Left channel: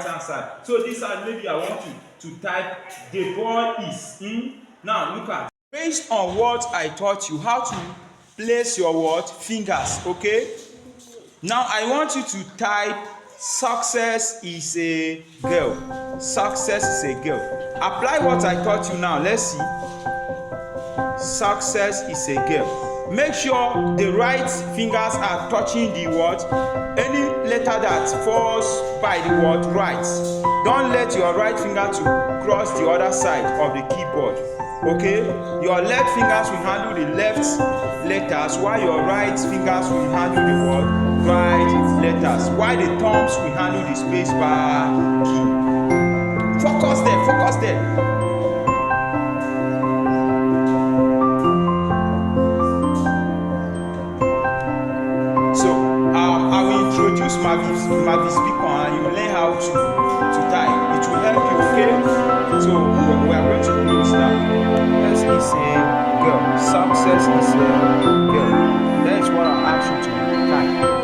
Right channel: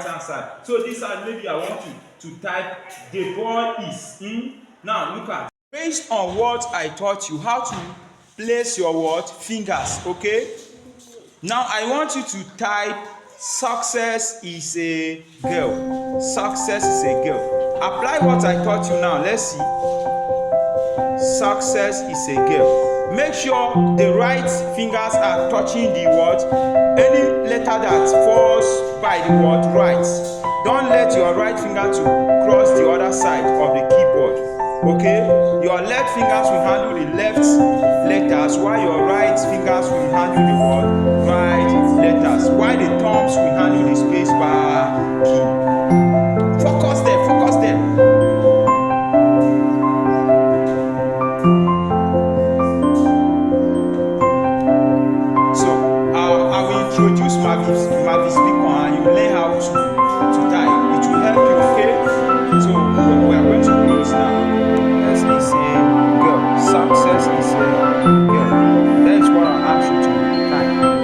right hand side. So this side, maybe I want to type the boy is. Now look at, based on what I taught you, how to place your what fingers. Okay, now I want you to type success is a girl. Success is a girl. Apply what I taught you now. Let's see. Success is a girl. Make sure the right fingers are touching the word. Any letter that falls by the word right, don't let your right finger to cross the other side of the keyboard. Okay, your left fingers will handle the left letters, while your right fingers will handle the word right letters, while the thumbs will handle the space bar key. Focus there, focus there. I will introduce Mavis Beacon and you learn how to type. It will help you, okay? So we are going to close now. Yes, is a girl. Success is a girl. That is what I ask you to type.